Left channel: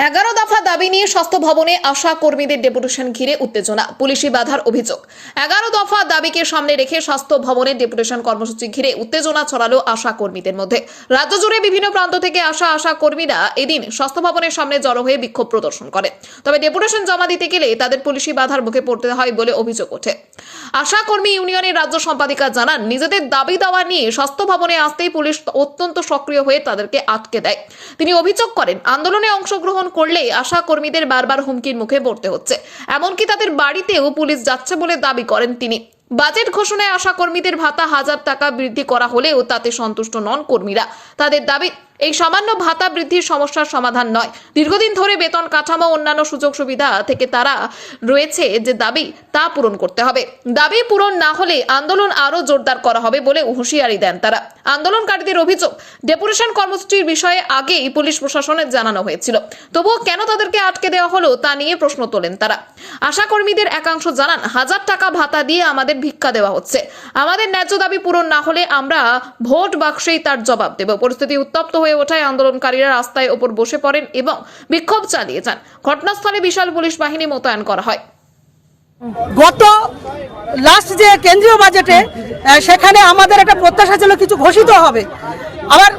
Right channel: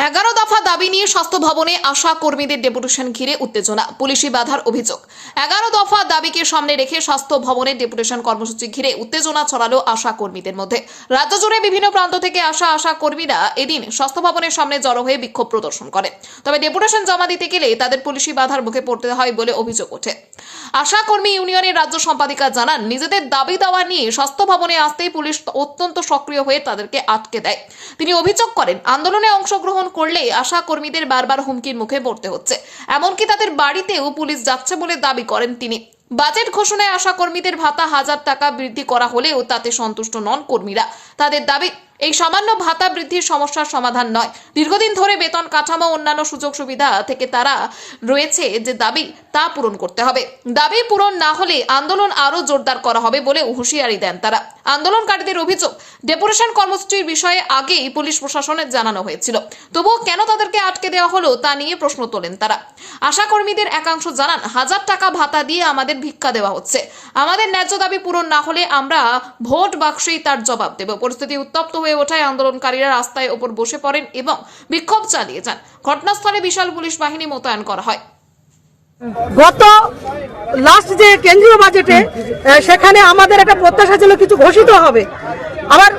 11 দফা দাবি নিয়ে স্বাস্থ্য ভবনে আশা কর্মীদের ডেপুটেশন ঘিরে উত্তেজনা, পুলিশি বাধার অভিযোগ। 11 দফা দাবিকে সামনে রেখে স্বাস্থ্য ভবনের ডেপুটেশন কর্মসূচি ঘিরে উত্তেজনা ছড়ালো আশা কর্মীদের মধ্যে। রাজ্য জুড়ে বিভিন্ন প্রান্ত থেকে আসা আশা কর্মীরা এদিন স্বাস্থ্য ভবনের সামনে জড়ো হয়ে বিক্ষোভ প্রদর্শন করে। তবে ডেপুটেশন জমা দিতে গেলে তাদের পুলিশি বাধার মুখে পড়তে হয় বলে অভিযোগ ওঠে। আশা কর্মী ইউনিয়নের রাজ্য সম্পাদিকা জানান, নিজেদের দাবি দাওয়া নিয়ে স্বাস্থ্য ভবনে আসতেই পুলিশ অত্যন্ত সক্রিয় হয়ে তাদেরকে আটকে দেয়। তিনি অভিযোগ করেন, আন্দোলনে অংশগ্রহণ করলে আশা কর্মীদের বারবার হুমকির মুখে পড়তে হচ্ছে, এমনকি তাদের বাড়িতেও পুলিশ যাচ্ছে বলে দাবি করেন তিনি। বাজেট ঘোষণায় আশা কর্মীদের ভাতা 1000 টাকা বৃদ্ধি করা হলেও তাতে সন্তুষ্ট নন কর্মীরা। তাদের দাবি, এই সামান্য ভাতা বৃদ্ধির সমস্যার সমাধান নয়। দীর্ঘদিন ধরে বেতন কাঠামো অন্যান্য সুযোগ সুবিধা থেকে তারা রয়েছে যে দাবি তা পূরণ করতে হবে। দাবি পূরণ না হলে আন্দোলন আরো জোরদার করা হবে বলে হুঁশিয়ারি দেন তারা। আন্দোলনকারীদের অভিযোগ, ডেপুটেশন কর্মসূচির বিষয়ে আগেই পুলিশ প্রশাসনের জানানো হয়েছিল, তবুও কেন তাদেরকে আটকে দেওয়া হলো তা নিয়ে প্রশ্ন তোলেন তারা। আশা কর্মীদের একাংশ জানান, 1000 টাকা ভাতা দিয়ে আমাদের ভিক্ষা দেওয়া হচ্ছে, আমাদের ন্যায্য দাবি পূরণ না হলে আমরা ভোট বাক্সেই তার জবাব দেব। পরিস্থিতি উত্তপ্ত হয়ে ওঠায় আন্দোলনকারীরা রাস্তায় ওপর বসে পড়েন এবং বিক্ষোভ চালিয়ে যান। ঘটনাস্থলে বিশাল পুলিশ বাহিনী মোতায়েন করা হয়। গত লাস্ট যে কেন্দ্রীয় বাজেটে সেখানে আমাদের একটা প্রত্যাশা ছিল কিছু ঘোষিত হবে। আবার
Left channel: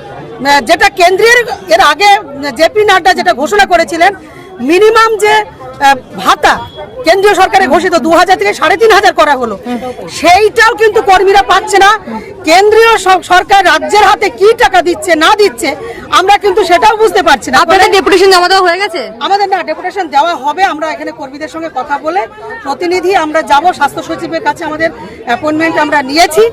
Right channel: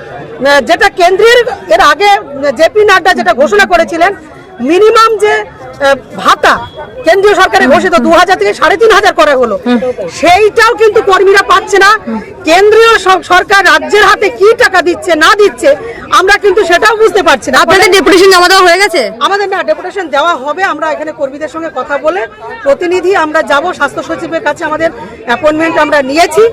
যেটা কেন্দ্রের এর আগে জেপি নাড্ডা যেটা ঘোষণা করেছিলেন, মিনিমাম যে ভাতা কেন্দ্রীয় সরকারে ঘোষিত 2000 থেকে 3500 করা হলো, সেইটাও কিন্তু কর্মীরা পাচ্ছে না। কেন্দ্রীয় সরকার রাজ্যের হাতে কি টাকা দিচ্ছে না দিচ্ছে আমরা কিন্তু সেটাও বুঝতে পারছি না। আপনাদের ডেপুটেশন জমা দেওয়া হয়ে গেছে? আমাদের না, ডেপুটেশন দেওয়া হবে। আমরা এখানে কর্মীদের সঙ্গে কথা বলে প্রতিনিধি আমরা যাব, স্বাস্থ্য সচিবের কাছে আমাদের অ্যাপয়েন্টমেন্ট আমরা নিয়েছি,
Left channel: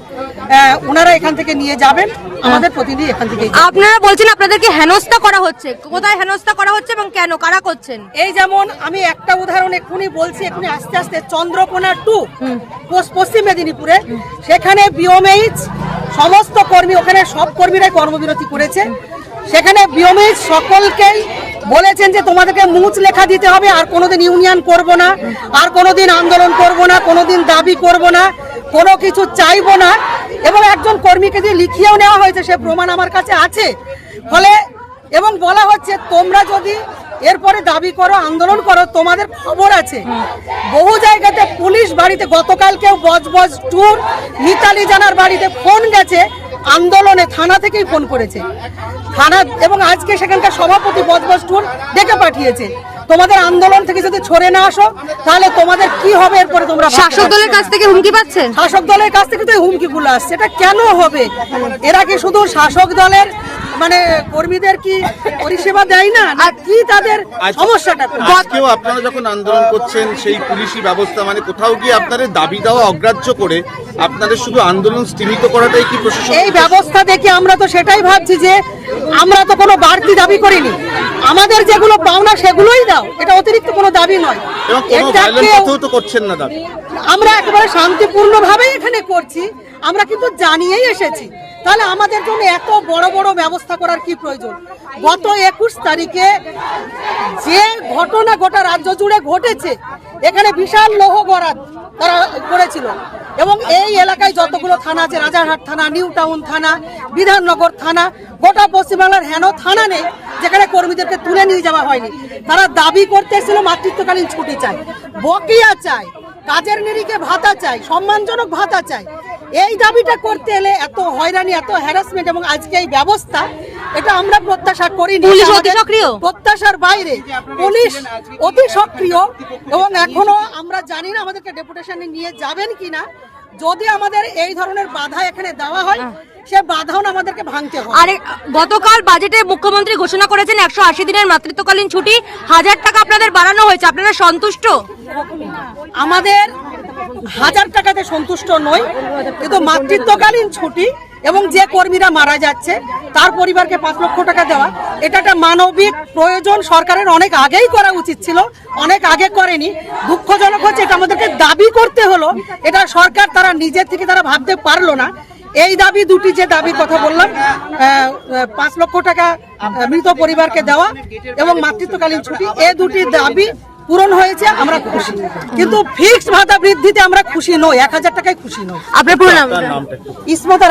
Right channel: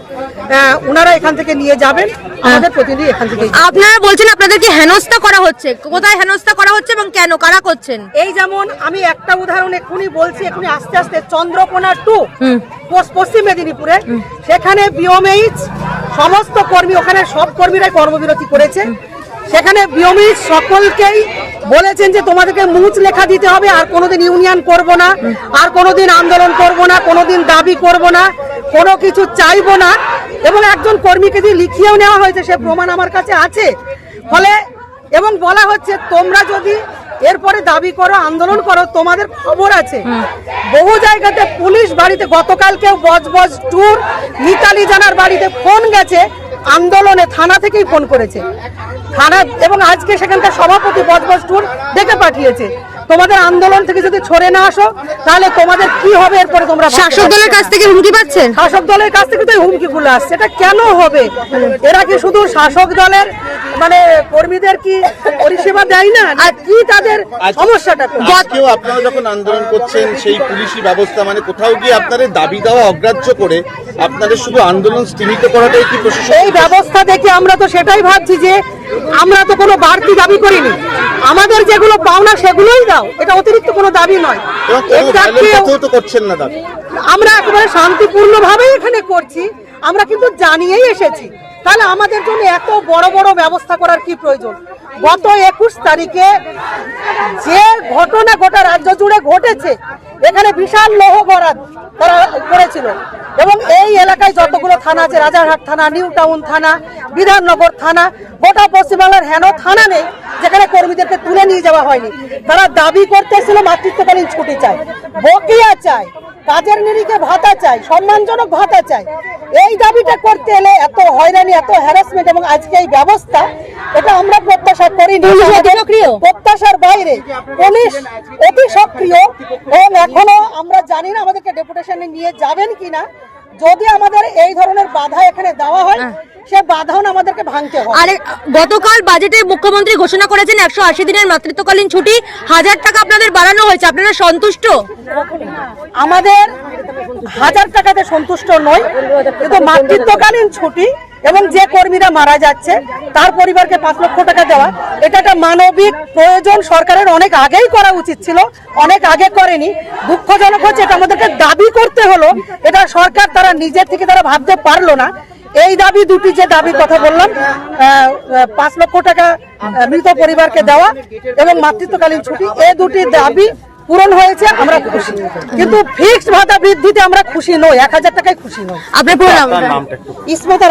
ওনারা এখান থেকে নিয়ে যাবেন, আমাদের প্রতিনিধি এখান থেকে। আপনারা বলছেন আপনাদেরকে হেনস্থা করা হচ্ছে, কোথায় হেনস্থা করা হচ্ছে এবং কেন, কারা করছেন? এই যেমন আমি একটা উদাহরণ এক্ষুনি বলছি, এক্ষুনি আস্তে আস্তে চন্দ্রকোনা 2 পশ্চিম মেদিনীপুরে, সেখানে বিওমএইচ সমস্ত কর্মী, ওখানে সব কর্মীরাই কর্মবিরতি করেছে। সেখানে বিওমএইচ সকলকেই বলেছেন যে তোমাদেরকে মুচ লেখা দিতে হবে, আর কোনোদিন ইউনিয়ন করব না, আর কোনোদিন আন্দোলন করব না, কোনোদিন দাবি করব না, কোনো কিছু চাইবো না। এবং একজন কর্মীকে দিয়ে লিখিয়েও নেওয়া হয়েছে, সে প্রমাণ আমার কাছে আছে। ফলে এবং বলা হচ্ছে, তোমরা যদি এরপরে দাবি করো, আন্দোলন করো, তোমাদের খবর আছে। বহু জায়গাতে পুলিশ বাড়িতে, গতকালকেও বজবজ ট্যুর মিতালি জানার বাড়িতে ফোন গেছে, আন্দোলনে থানা থেকেই ফোন করেছে থানা, এবং আজকে সেখানকার সভাপতি বজবজ ট্যুর ডেকে পাঠিয়েছে, তোমাদের আন্দোলন থেকে যদি সরে না আসো তাহলে তোমাদের কি হবে। এরপরে তোমরা শাসক দলের কাছ থেকে হুমকি পাচ্ছেন? শাসক দলের কাছ থেকে তো হুমকিগুলো আসছে। এটা কেন হবে? এরা কি শুধু শাসক দলের মানে কর্মীদের কি পরিষেবা দেয় না, আর কি তাদের সমস্যাটা? আজকেও আপনারা যখন আন্দোলন করছেন, সেই পুলিশি ব্যবস্থা মানে কোথাও গিয়ে আপনাদের দাবি দেওয়া অগ্রাহ্য করে আপনাদের শুধু আন্দোলন স্তীমিত করাটাই কি প্রশাসন? এই ব্যবস্থা দেখে আমরা তো সেটাই ভাবছি যে আমরা তো কোনো বাড়তি দাবি করিনি, আমাদের যেগুলো পাওনা সেগুলোই দাও, এটা অতিরিক্ত কোনো দাবি নয়। করছেন না দাবি, আমরা একেবারে শান্তিপূর্ণ ভাবে এখানে করছি, আমরা কিন্তু জানিয়েই এসেছি। তাহলে আমাদের জন্য এত বড় বড় ব্যবস্থা করার কি প্রয়োজন? গত 21 তারিখে যে ঘটনা গোটা রাজ্য জুড়ে ঘটেছে, এখানে বিশাল লৌহগড়া তারা করেছিল, এবং এই এলাকায় যতগুলো থানা আছে, রাজারহাট থানা, নিউ টাউন থানা, বিধাননগর থানা, গোটা পশ্চিমবাংলার হেন থানা নেই যেখানে কর্মীদেরকে তুলে নিয়ে যাওয়া হয়নি। তারা দাবি করতেছিল মাতৃত্বকালীন ছুটি চাই, বকেয়া চাই, কাজের নিরিখে ভাতা চাই, সম্মানজনক ভাতা চাই। এই দাবিটা করতে এলে এত হয়রানি, এত হ্যারাসমেন্ট, এবং আজকে এই ব্যবস্থা, এটা আমরা প্রত্যাশা করিনি। প্রত্যাশার বাইরে পুলিশ অতি সক্রিয়, এবং এখনো আমরা জানি না আমাদেরকে ডেপুটেশনে নিয়ে যাবেন কিনা। যদি আমাদের এই ধরনের বাধা এখানে দেওয়া হয়, সে বাধাও আমাদেরকে ভাঙতে হবে। আরে গতকাল বাজেটে মুখ্যমন্ত্রী ঘোষণা করেছেন 180 দিনের মাতৃত্বকালীন ছুটি, 1000 টাকা আপনাদের বাড়ানো হয়েছে, আপনারা সন্তুষ্ট? আমাদের 1000 টাকাতে সন্তুষ্ট নই, কিন্তু মাতৃত্বকালীন ছুটি এবং যে কর্মীরা মারা যাচ্ছে তার পরিবারকে 5 লক্ষ টাকা দেওয়া, এটা একটা মানবিক প্রয়োজন, সরকারের অনেক আগেই করা উচিত ছিল, অনেক আগে করেনি। দুঃখজনক হচ্ছে এটা আমাদেরকে দাবি করতে হলো, এটা সরকার তারা নিজের থেকে তারা ভাবতে পারলো না। এই দাবি দুটি, যে দাবির কথা বললাম, 5 লক্ষ টাকা মৃত পরিবারকে দেওয়া এবং মাতৃত্বকালীন ছুটি, এই দুটি দাবি পূরণ হয়েছে, আমরা খুশি। কিন্তু ফিক্সড ভাতা বৃদ্ধিতে আমরা খুশি নই, 1000 টাকায় খুশি নই। আপনার পুরো নাম? ইসমত